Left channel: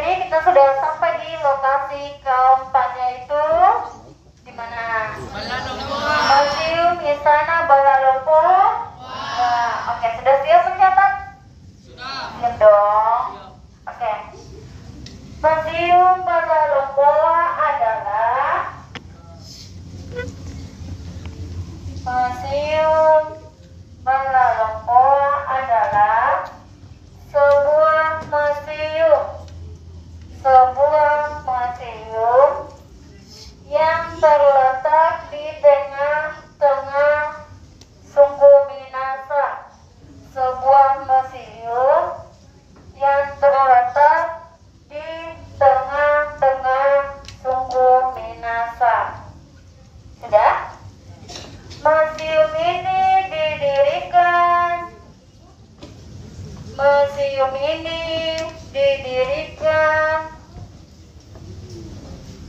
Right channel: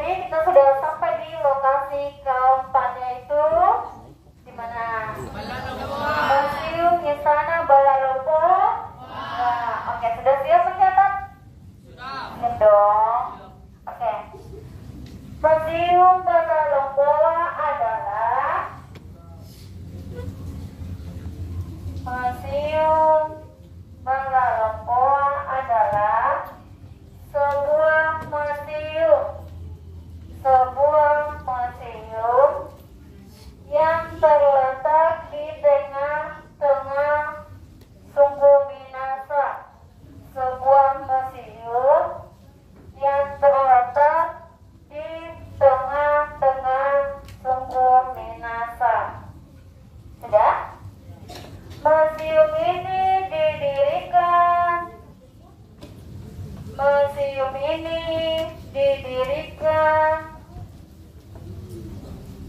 Jadi kita sudah sampai di lokasi keempatnya itu di mana? Museum Istana Balalompo. Nah, oke, sudah siap mencatat? Siap dong. Oke. Museum Balalompoa adalah sebuah museum yang terletak di tengah-tengah Sungguh Minasa. Sebuah museum yang terletak di tengah-tengah Sungguh Minasa. Sudah? Museum ini didirikan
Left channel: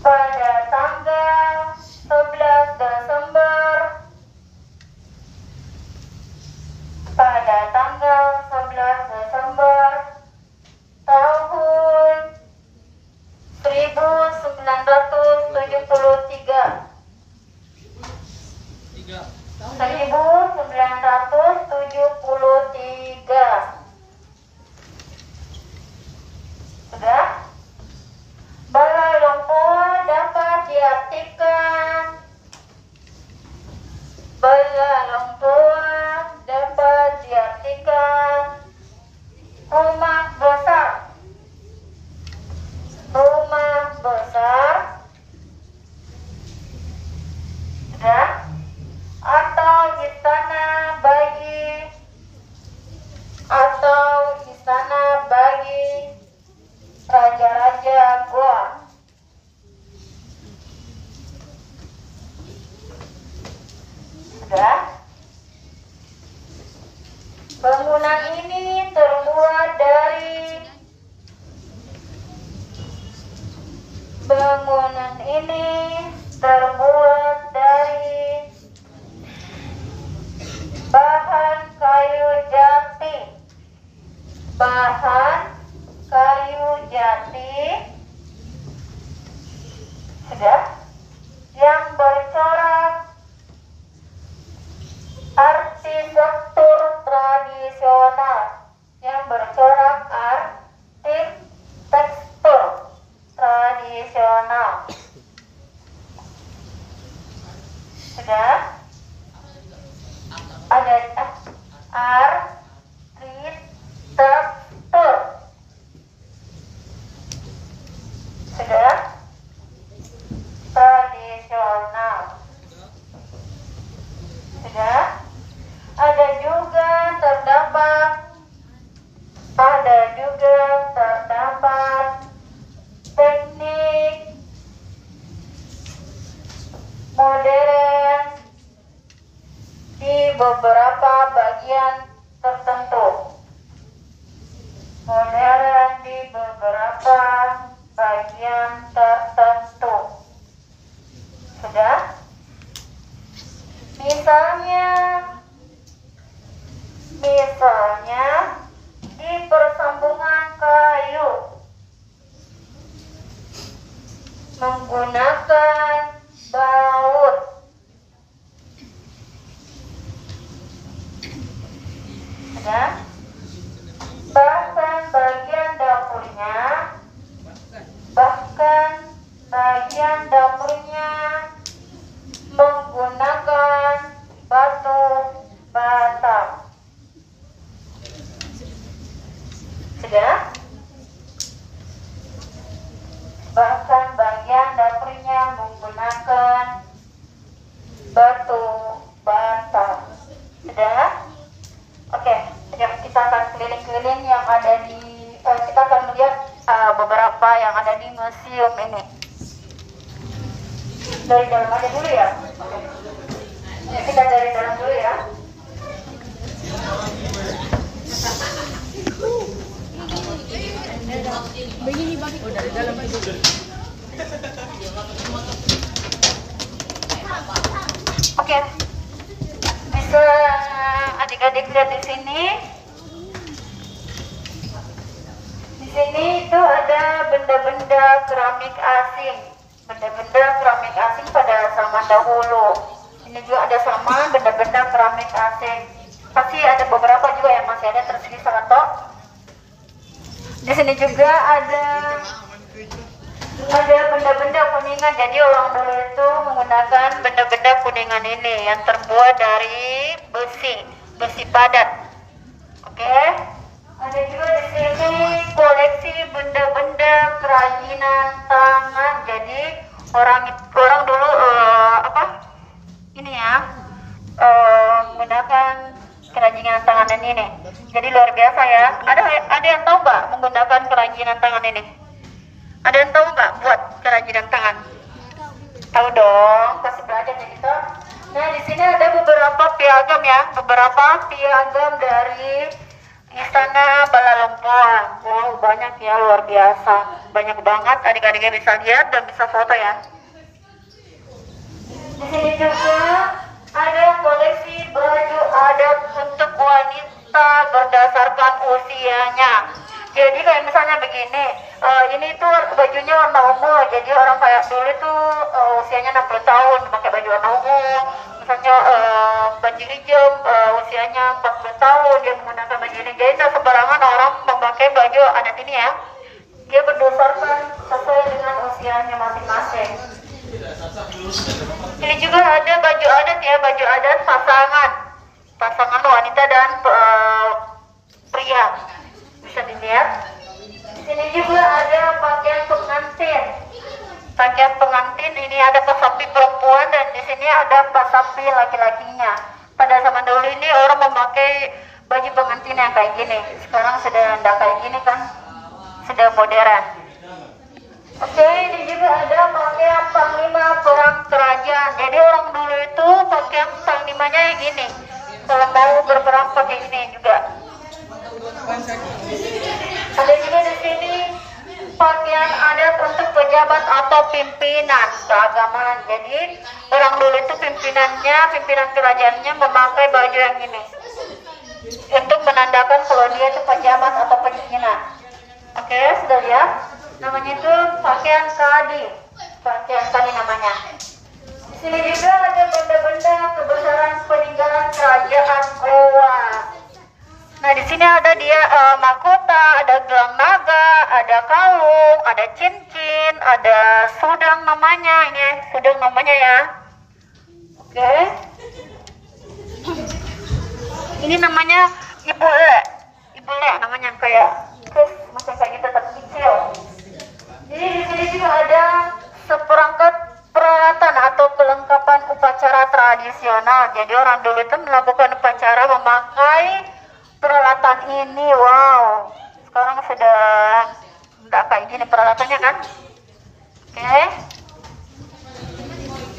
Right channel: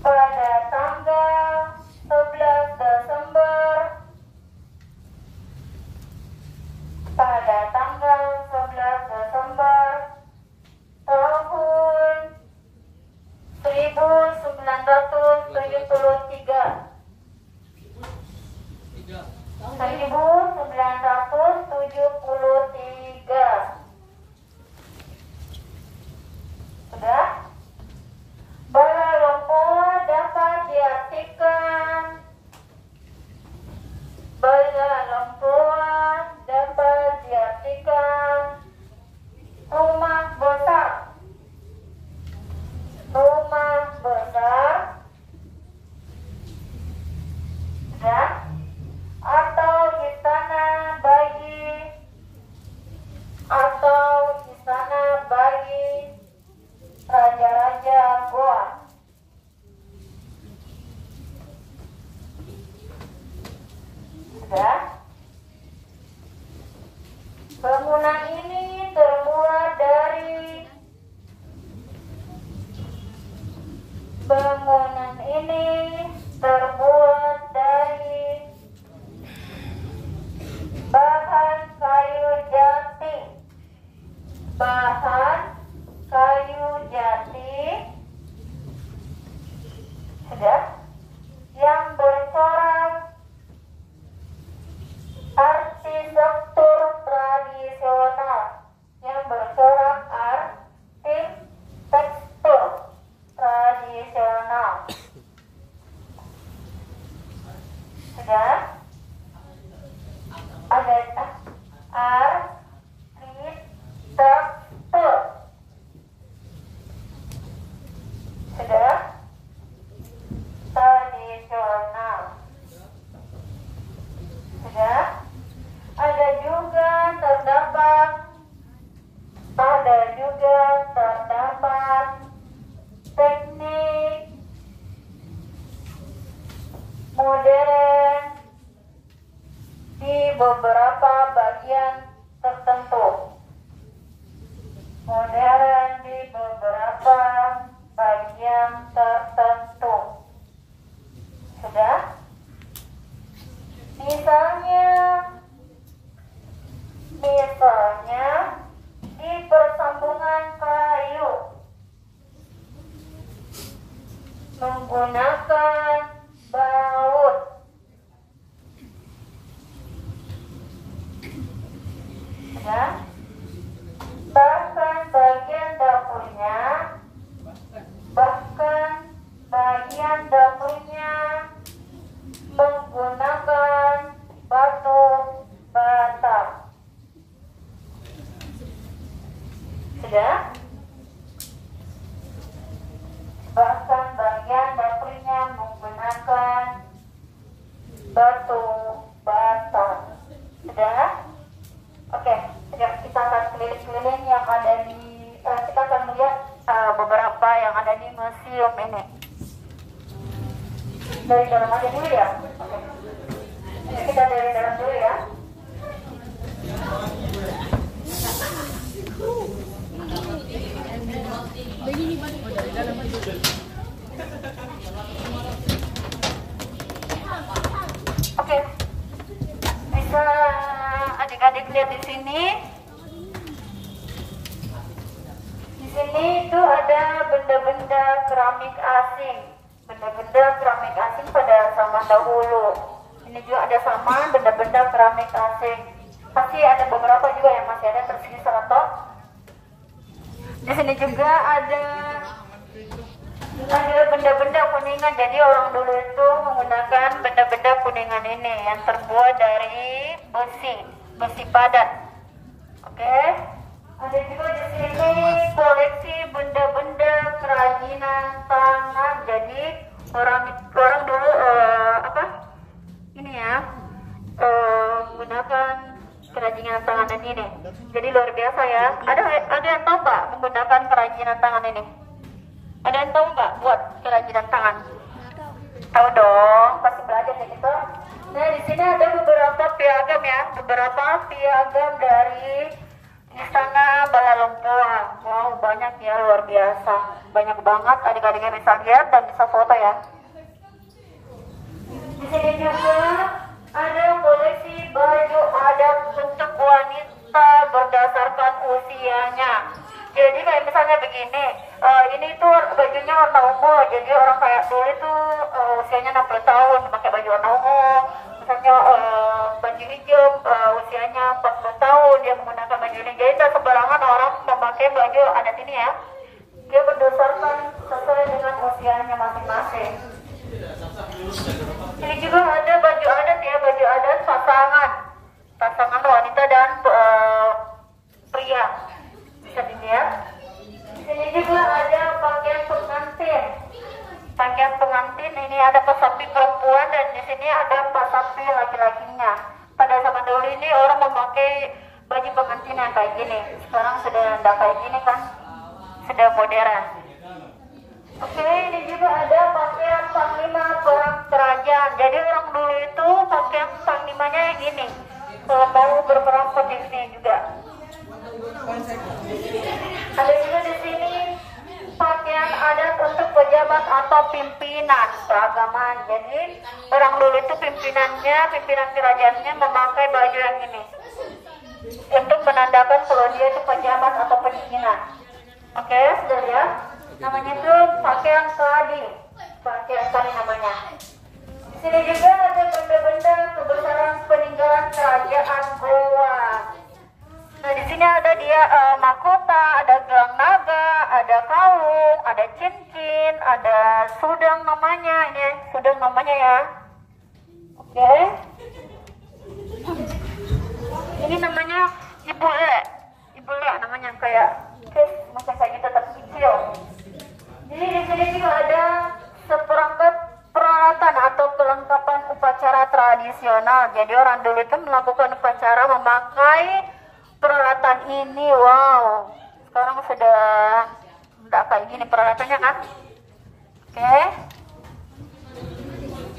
pada tanggal 11 Desember tahun 1973. 1973. Sudah? Balalompoa dapat diartikan rumah besar ya, atau istana bagi raja-raja Goa. Sudah? Bangunan ini terbuat dari bahan kayu jati, sudah, yang bercorak arsitektur tradisional. Sudah? Ada arsitektur. Sudah? Tradisional. Sudah? Ada juga terdapat teknik modern di beberapa bagian tertentu. Sudah? Misalnya di persambungan kayu menggunakan baut. Sudah? Bahkan bagian dapurnya menggunakan batu bata. Sudah? Bahkan bagian dapurnya menggunakan batu bata. Sudah? Oke, kita akan keliling-keliling yang ada di kita akan melihat beberapa yang ada di museum ini. Dari dalam aja dulu ya. Oke. Kita dari dalam dulu ya. Oke. Bisa adik-adik lihat di sini. Di sini itu ada benda-benda keramik asing. Benda-benda keramik asing pada zaman dahulu. Ini juga ada sama benda-benda keramik asing. Pasti ada beberapa juga yang masih ada tersisa atau di sini juga ada benda-benda kuningan. Jadi orang dulu itu menggunakan benda-benda kuningan ini yang terbuat dari besi padat. Oke. Ada juga di sini koleksi benda-benda kerajinan tangan. Jadi orang dulu menggunakan kerajinan tangan ini. Jadi luar biasa ya. Ada yang tahu nggak menggunakan kerajinan tangan ini? Ada yang tahu nggak buat kerajinan tangan? Tahu dong, pasti belajar ya kita. Nah di sini ada beberapa piagam ya, beberapa piagam dari Istana Balalempoan. Wow, banyak ya, luar biasa. Banyak banget, adik-adiknya bisa lihat dan bisa foto ya. Di sini juga ada koleksi baju adat untuk wanita berdasarkan usianya. Jadi kayak misalnya begini, ini tuh bajunya warna ungu. Jadi orang kayak dulu itu usianya 60 tahun pakai baju warna ungu. Misalnya baju hijau usianya 40 tahun dia menggunakan baju ini. Jadi tidak sembarangan orang memakai baju adat ini ya. Dia berdasarkan sesuai dengan usianya masing-masing. Ini juga ada baju adat ya, baju adat pasangan wanita dan pria. Bisa dilihat. Di sini juga ada pakaian pengantin. Pakaian pengantin ini ada pasapi perempuan dan di sini ada pasapi laki-lakinya. Pada zaman dulu ini orang memakai baju pengantin yang kayak gini. Sekarang sudah tidak kayak gini kan, sudah modern. Oke, ini juga ada pakaian panglima perang kerajaan. Jadi orang dulu itu pakaian panglimanya yang gini. Kalau mau berperang pakai ini juga. Ada juga di sini pakaian adat untuk pejabat atau pimpinan keagamaan. Jadi orang dulu itu pimpinan kerajaannya memakai baju yang ini untuk menandakan kalau dia itu pejabat atau pimpinan. Oke, sudah lihat? Namanya itu pakaian kadi. Pakaian kadi namanya. Sini juga ada benda-benda kebesaran peninggalan kerajaan Goa. Nah di sini ada dia mahkota, ada gelang naga, ada kalung, ada cincin, ada sudang namanya, ini sudang namanya ya. Oke. Ini namanya ibu le namanya kayak macam kayak gitu tapi kecil. Jadi di sini juga ada seperangkat peralatan atau kelengkapan upacara tradisional. Jadi orang dulu itu melakukan upacara memakai peralatan ini. Wow, sekarang sudah tidak kayak gini peralatannya kan. Oke.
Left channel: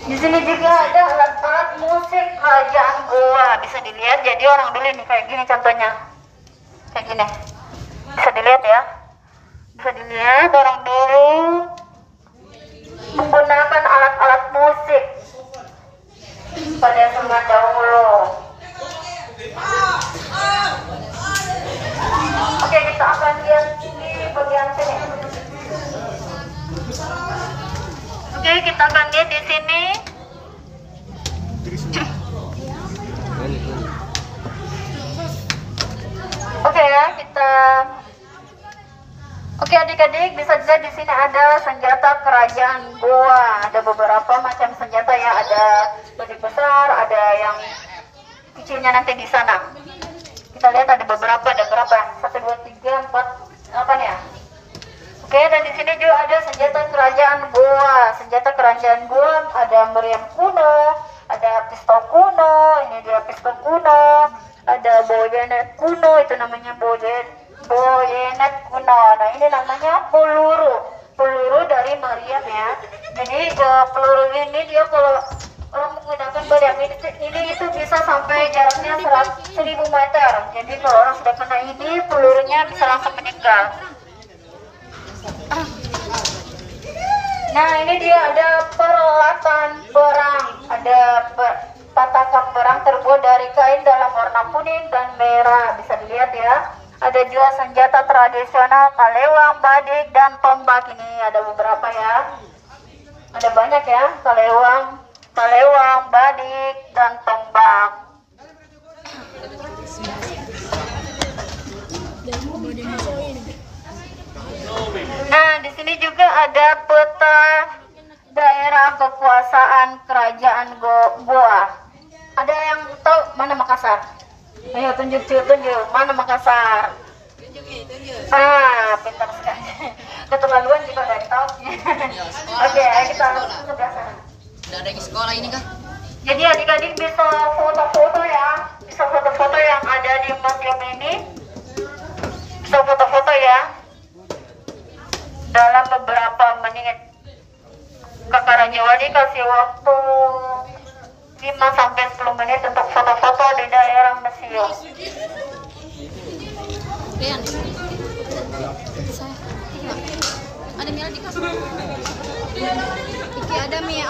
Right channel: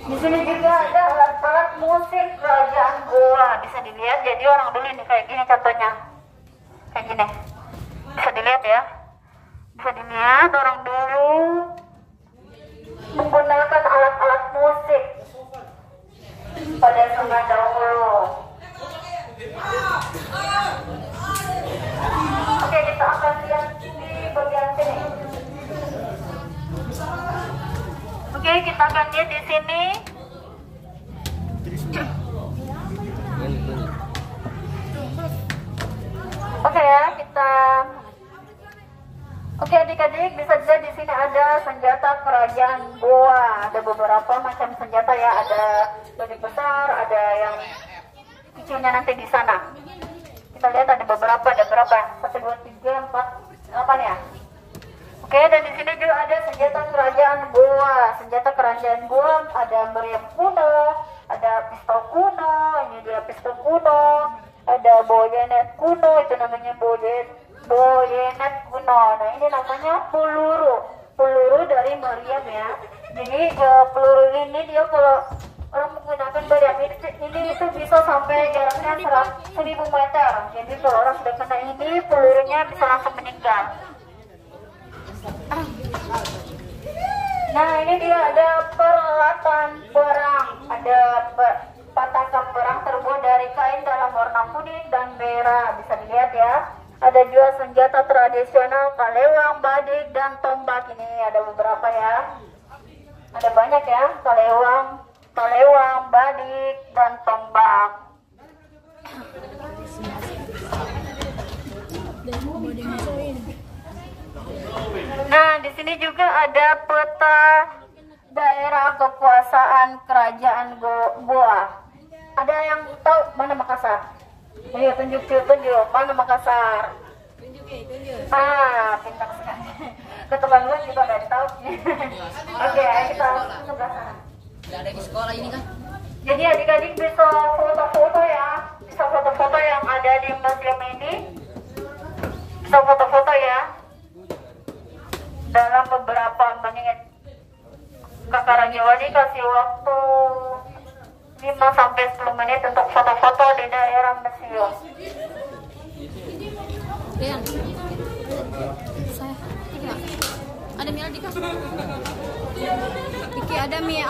Di sini juga ada alat-alat musik kerajaan Goa, bisa dilihat. Jadi orang dulu ini kayak gini contohnya, kayak gini, bisa dilihat ya. Bisa dilihat orang dulu menggunakan alat-alat musik pada zaman dahulu. Oke, kita akan lihat di bagian sini. Oke, kita akan lihat di sini. Oke ya, kita. Oke adik-adik, bisa dilihat di sini ada senjata kerajaan Goa. Ada beberapa macam senjata ya, ada lebih besar, ada yang kecilnya nanti di sana. Kita lihat ada berapa ya? 1, 2, 3, 4, 8 ya. Oke, dan di sini juga ada senjata kerajaan Goa. Senjata kerajaan Goa ada meriam kuno, ada pistol kuno, ini dia pistol kuno, ada bayonet kuno, itu namanya bayonet kuno. Nah ini namanya peluru dari meriam ya. Jadi peluru ini dia kalau orang menggunakan meriam ini itu bisa sampai jaraknya 1000 meter. Jadi kalau orang sudah kena ini pelurunya bisa langsung meninggal. Nah ini dia ada peralatan perang, ada pataka perang terbuat dari kain dalam warna kuning dan merah, bisa dilihat ya. Ada juga senjata tradisional kalewang, badik, dan tombak. Ini ada beberapa ya. Ada banyak ya, kalewang, badik, dan tombak. Nah, di sini juga ada peta daerah kekuasaan kerajaan Goa. Ada yang tahu mana Makassar? Ayo tunjuk mana Makassar? Tunjuk. Pintar sekali. Keterlaluan juga dari tahu. Oke, ayo kita sebelah sana. Tidak ada di sekolah ini kah? Jadi adik-adik bisa foto-foto ya, bisa foto-foto yang ada di museum ini. Bisa foto-foto ya. Dalam beberapa menit. Kakak Rajawali kasih waktu 5-10 menit untuk foto-foto di daerah museum. Rian, ada Mila di kamar. Iki ada Mia.